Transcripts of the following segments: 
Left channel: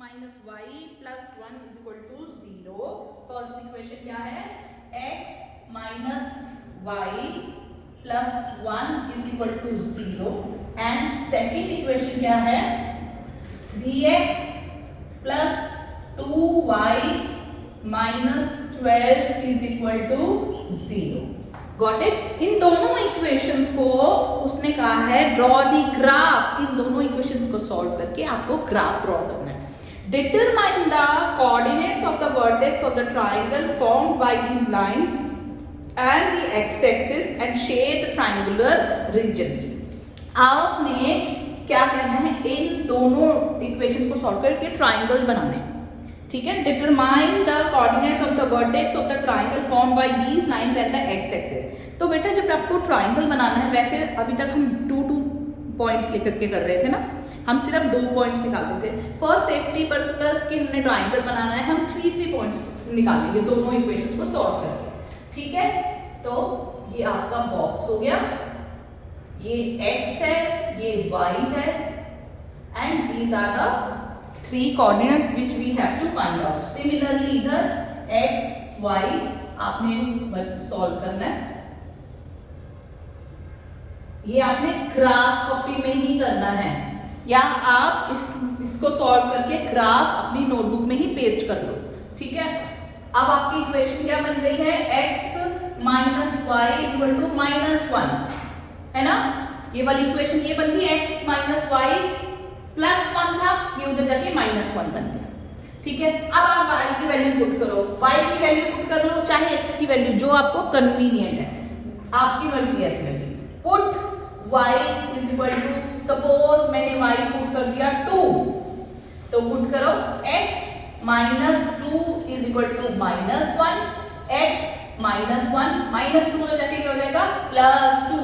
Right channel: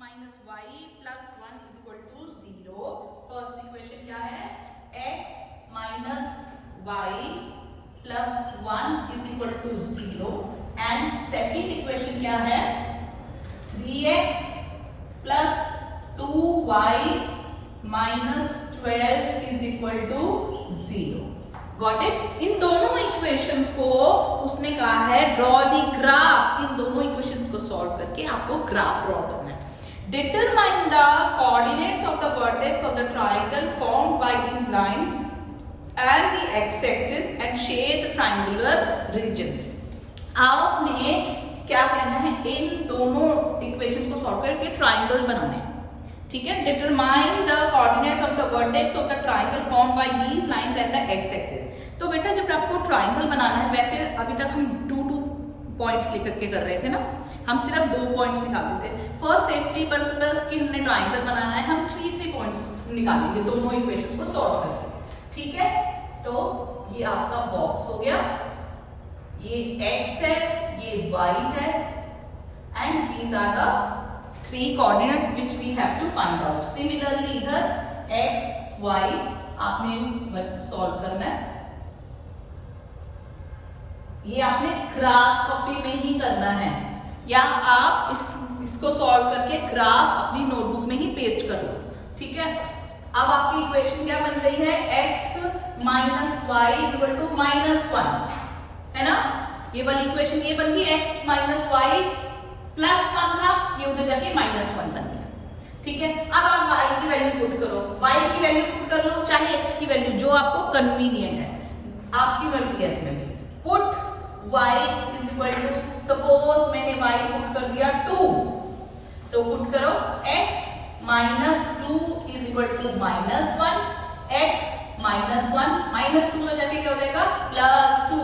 Minus Y plus 1 is equal to 0। First equation क्या है, x minus Y plus 1 is equal to 0 and second equation क्या है, 3x plus 2y minus 12 is equal to 0। Got it. इन दोनों equations को उसने कहा है ड्रॉ द ग्राफ। इन दोनों इक्वेशंस को सॉल्व करके आपको ग्राफ ड्रॉ करना है। Determine the coordinates of the vertex of the triangle formed by these lines and the X axis and shade triangular region. आपने क्या कहना है, इन दोनों इक्वेशंस को सॉल्व करके ट्रायंगल बनाना है। ठीक है, determine the coordinates of the vertex of the triangle formed by these lines and the X axis. तो बेटा जब आपको ट्रायंगल बनाना है, वैसे अभी तक हम 2 पॉइंट्स लेकर के कर रहे थे ना, हम सिर्फ 2 पॉइंट्स निकालते थे। फॉर सेफ्टी पर्पस की हमने ट्रायंगल बनाना है, हम 3 पॉइंट्स निकालेंगे दोनों इक्वेशंस को सॉल्व करके। ठीक है, तो ये आपका बॉक्स हो गया, ये x है, ये y है and these are the 3 coordinate which we have to find out. Similarly इधर x y आपने सॉल्व करना है। ये आपने ग्राफ कॉपी में ही करना है या आप इसको सॉल्व करके ग्राफ अपनी नोटबुक में ही पेस्ट कर लो। ठीक है, अब आपकी इक्वेशन क्या बन गई है, x minus Y is equal to -1 है ना। ये वाली इक्वेशन ये बन गई, x माइनस वाई प्लस 1 था, ये उधर जाके -1 बन गया। ठीक है, अब आप y की वैल्यू पुट करो, y की वैल्यू पुट कर लो, चाहे x की वैल्यू, जो आपको कन्वीनियंट है, आपकी मर्जी है इसमें भी। Put y is equal to, suppose मैंने y पुट कर दिया 2, तो पुट करो x minus 2 is equal to -1, x -1 -2 में जाके क्या हो जाएगा, +2,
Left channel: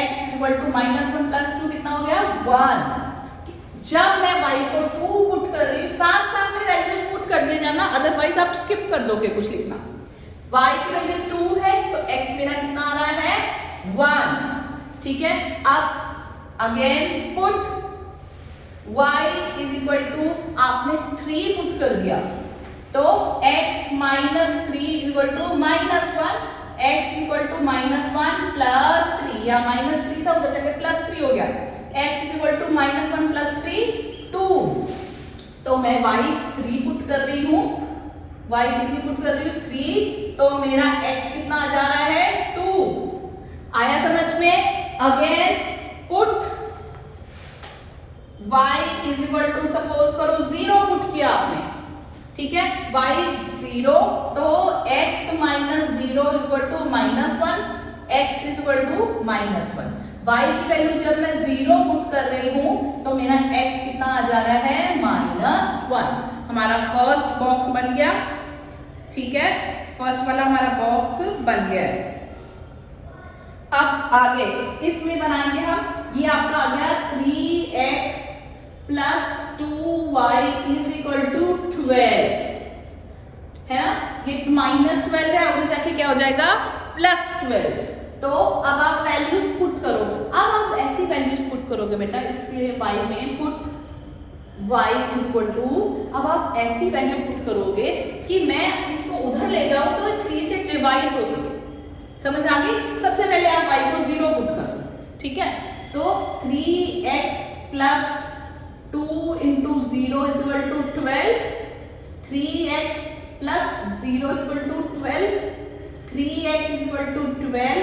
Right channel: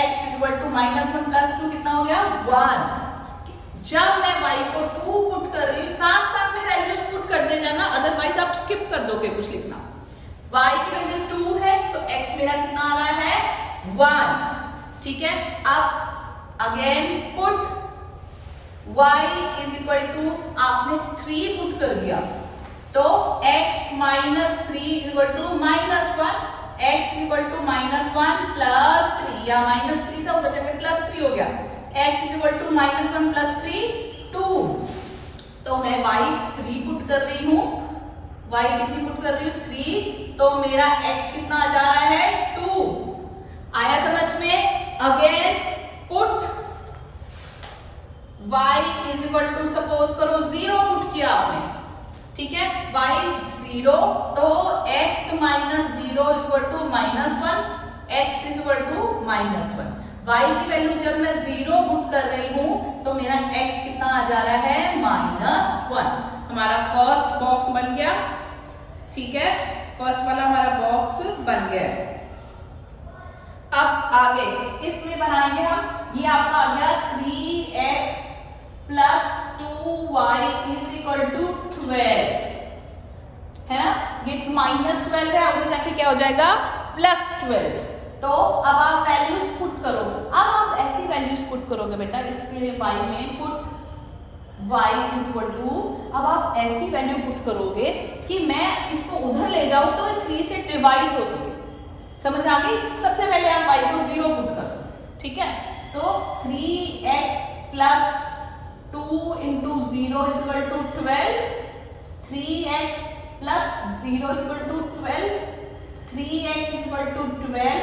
x is equal to -1 plus 2 कितना हो गया, 1। जब मैं y को 2 पुट कर रही हूँ, साथ साथ में वैल्यूज पुट कर देना ना, अदरवाइज आप स्किप कर दोगे कुछ लिखना। y की वैल्यू 2 है तो x मेरा कितना आ रहा है, 1। ठीक है, अब again put y is equal to, आपने 3 पुट कर दिया तो x minus 3 is equal to -1, x equal to -1 plus 3, या -3 था उधर जाके +3 हो गया, x is equal to -1 plus 3 2। तो मैं y 3 पुट कर रही हूँ, y कितनी पुट कर रही हूँ, 3, तो मेरा x कितना आ जा रहा है, 2। आया समझ में। Again put y is equal to, suppose करो 0 पुट किया आपने। ठीक है, y 0, तो x minus 0 is equal to -1, x is equal to -1। y की वैल्यू जब मैं 0 पुट कर रही हूं तो मेरा x कितना आ जा रहा है, -1। हमारा फर्स्ट बॉक्स बन गया। ठीक है, फर्स्ट वाला हमारा बॉक्स बन गया है। अब आगे इसमें बनाएंगे हम, ये आपका आ गया 3x plus 2y is equal to 12 है ना। ये -12 है, आगे जाके क्या हो जाएगा, +12। तो अब आप वैल्यूज पुट करो। अब आप ऐसी वैल्यूज पुट करोगे बेटा, इसमें y में put y is equal to, अब आप ऐसी वैल्यू पुट करोगे कि मैं इसको उधर ले जाऊं तो 3 से डिवाइड हो सके। समझ आ गई। सबसे पहले आप y को 0 पुट करो। ठीक है, तो 3x plus 2 into 0 is equal to 12, 3x plus 0 is equal to 12, 3x is equal to 12,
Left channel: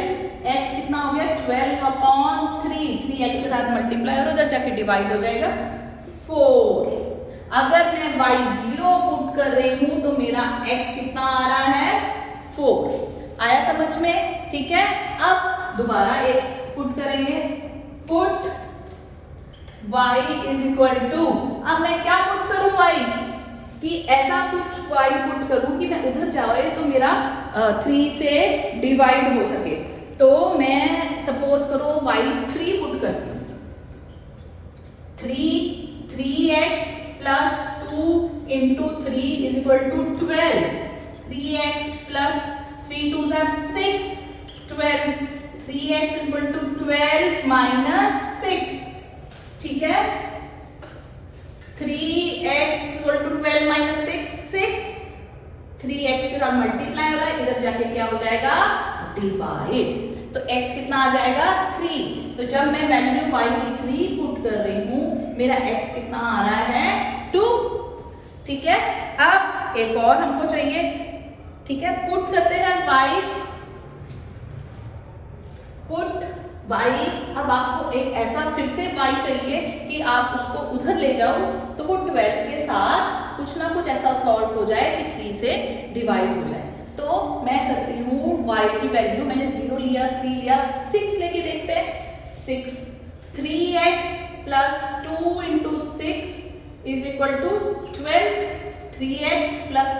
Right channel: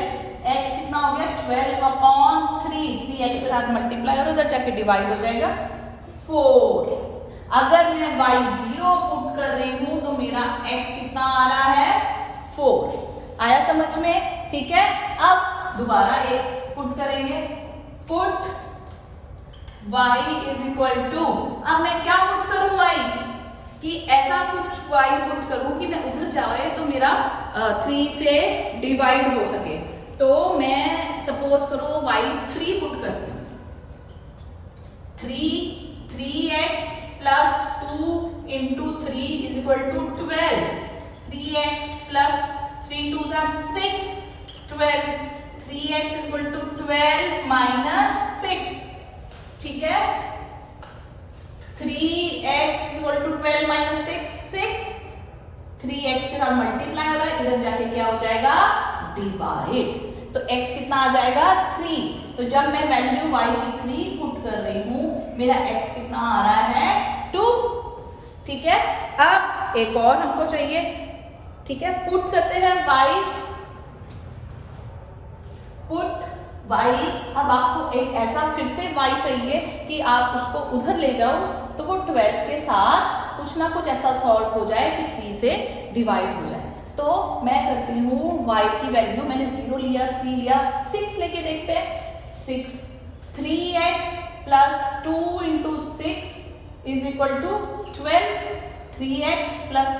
x कितना हो गया, 12/3, 3x के साथ मल्टीप्लाई और इधर जाके डिवाइड हो जाएगा 4। अगर मैं y 0 पुट कर रही हूं तो मेरा x कितना आ रहा है, 4। आया समझ में। ठीक है, अब दोबारा एक पुट करेंगे, put y is equal to, अब मैं क्या पुट करूं y कि ऐसा कुछ y पुट करूं कि मैं उधर जाए तो मेरा 3 से डिवाइड हो सके। तो मैं सपोज करो y 3 पुट करती हूँ, 3x plus 2 into 3 is equal to 12, 3x plus 3 2 6, 12, 3x is equal to 12 minus 6। ठीक है, 3x is equal to 12 minus 6 3x के साथ मल्टीप्लाई हो रहा है, इधर जाके क्या हो जाएगा डिवाइड। तो x कितना आ जाएगा 3। तो जब मैं वैल्यू y की 3 पुट कर रही हूं, मेरा x कितना आ रहा है 2। ठीक है, अब एक और हमको चाहिए। ठीक है, पुट करते हैं y, पुट y। अब आपको एक ऐसा फिर से y चाहिए कि आप उसको उधर ले जाओ, तो वो 12 के साथ कुछ ना कुछ ऐसा सॉल्व हो जाए कि 3 से डिवाइड हो जाए। तो मैं करती हूँ y की वैल्यू, मैंने 0 लिया, 3 लिया, 6 लेके देखते हैं। 6 3x plus 2 into 6 is equal to 12। 3x plus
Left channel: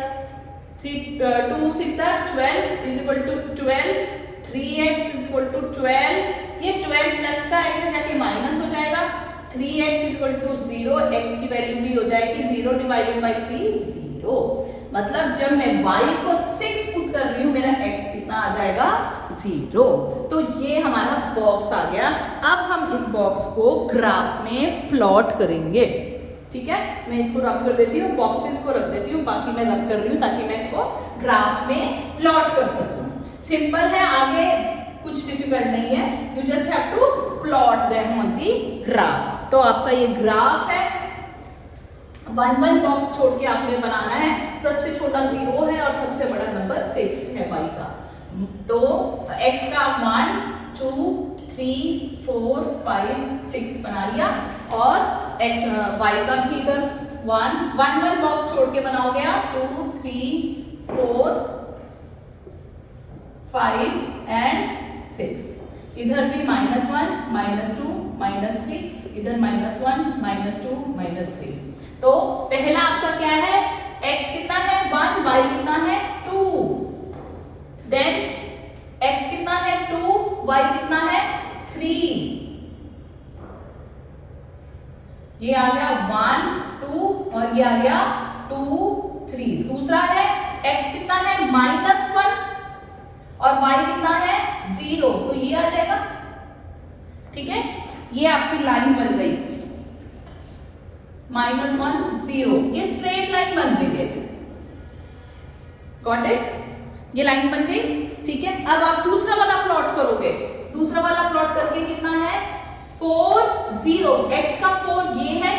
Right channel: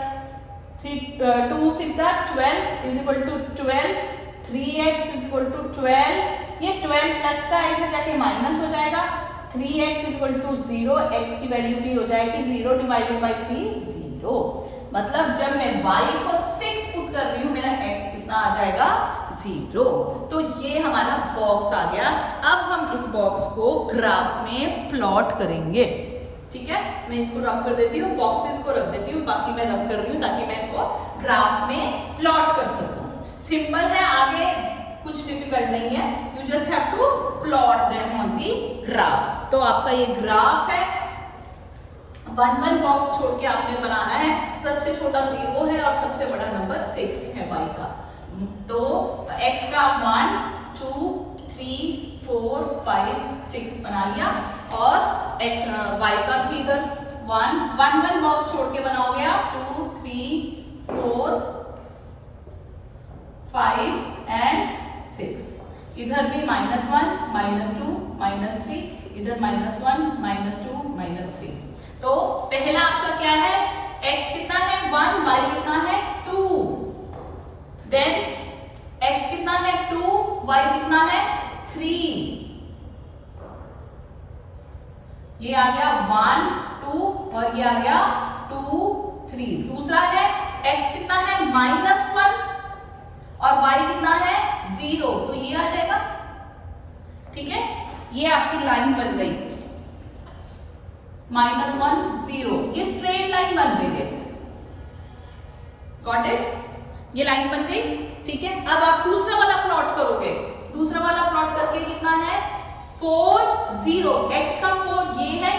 2 6 12 is equal to 12। 3x is equal to 12। ये 12 प्लस का इधर जाके माइनस हो जाएगा। 3x is equal to 0, x की वैल्यू भी हो जाएगी 0 डिवाइडेड बाई 3 0। मतलब जब मैं y को 6 पुट कर रही हूं, मेरा x कितना आ जाएगा 0। तो ये हमारा बॉक्स आ गया। अब हम इस बॉक्स को ग्राफ में प्लॉट करेंगे। ठीक है, मैं इसको रब कर देती हूँ, बॉक्सेस को रख देती हूँ, बाकी मैं रब कर रही हूँ ताकि मैं इसको ग्राफ में प्लॉट कर सकूं। सिंपल है, आगे कुछ डिफिकल्ट नहीं है, you just have to plot them on the graph. तो आपका ये ग्राफ है, 1 1 बॉक्स छोड़ के आपने बनाना है। सबसे छोटा 0 है और सबसे बड़ा नंबर 6 है y का। तो x का 1 2 3 4 5 6 बना लिया, और y का भी इधर 1 1 बॉक्स छोड़ के बनाओगे आप 2 3 4 5 एंड 6। इधर भी -1 -2 -3, इधर -1 -2 -3। तो पहला आपका क्या है, x कितना है 1, y कितना है 2। देन x कितना है 2, y कितना है 3। ये आ गया 1 2 और ये आ गया 2 3। दूसरा है x कितना है -1 और y कितना है 0, तो ये आ जाएगा। ठीक है, ये आपकी लाइन बन गई -1 0, ये स्ट्रेट लाइन बन गई है। गॉट इट, ये लाइन बन गई। ठीक है, अब आप दूसरा वाला प्लॉट करोगे। दूसरा वाला प्लॉट करके कितना है 4 0, x का 4 ये है,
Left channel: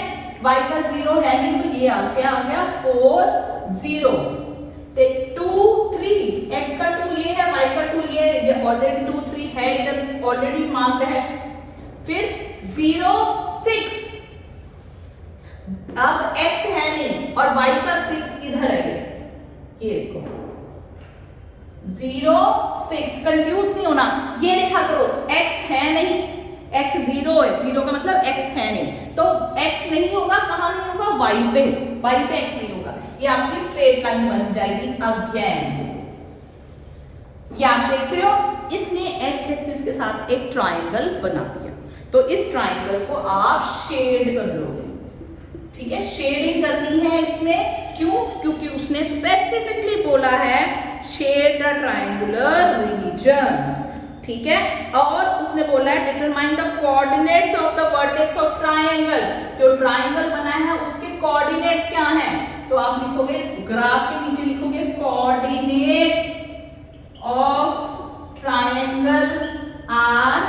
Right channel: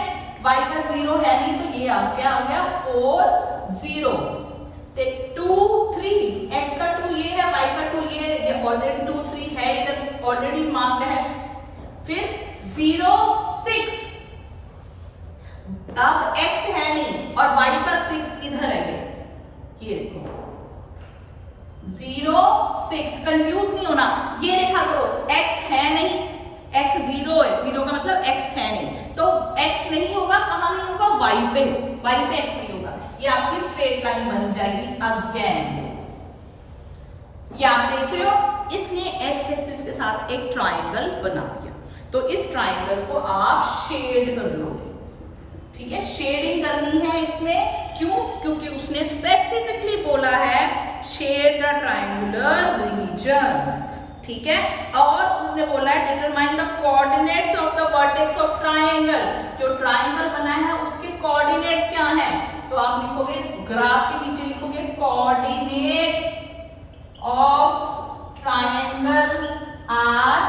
y का 0 है नहीं, तो ये आ गया 4 0। 2 3, x का 2 ये है, y का 2 ये ऑलरेडी 2 3 है, इधर ऑलरेडी मार्क्ड है। फिर 0 6, अब x है नहीं और y का 6 इधर है, ये देखो 0 6। कंफ्यूज नहीं होना, ये देखा करो x है नहीं, x 0 है, 0 का मतलब x है नहीं, तो x नहीं होगा, कहां नहीं होगा y पे x नहीं होगा। ये आपकी स्ट्रेट लाइन बन जाएगी अगेन। ये आप देख रहे हो, इसने x एक्सिस के साथ एक ट्राइंगल बना दिया। तो इस ट्राइंगल को आप शेड कर लोगे। ठीक है, शेडिंग करनी है इसमें, क्यों? क्योंकि उसने स्पेसिफिकली बोला है शेड द ट्राइंगुलर रीजन। ठीक है, और उसने बोला है determine the coordinates of the vertex of triangle. जो ट्राइंगल बना है उसके कोऑर्डिनेट्स क्या हैं? तो आप लिखोगे, ग्राफ के नीचे लिखोगे कोऑर्डिनेट्स ऑफ ट्राइंगल आर।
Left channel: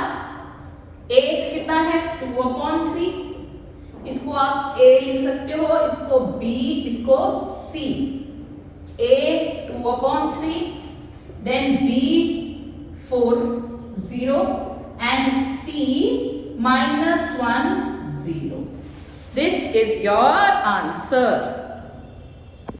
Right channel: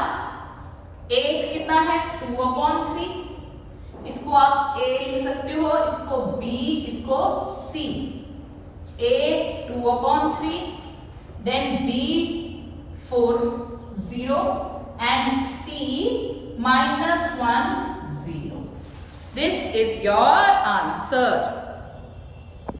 एक कितना है 2/3, इसको आप a लिख सकते हो, इसको b, इसको c। a 2/3, then b 4 0 and c -1 0. This is your answer.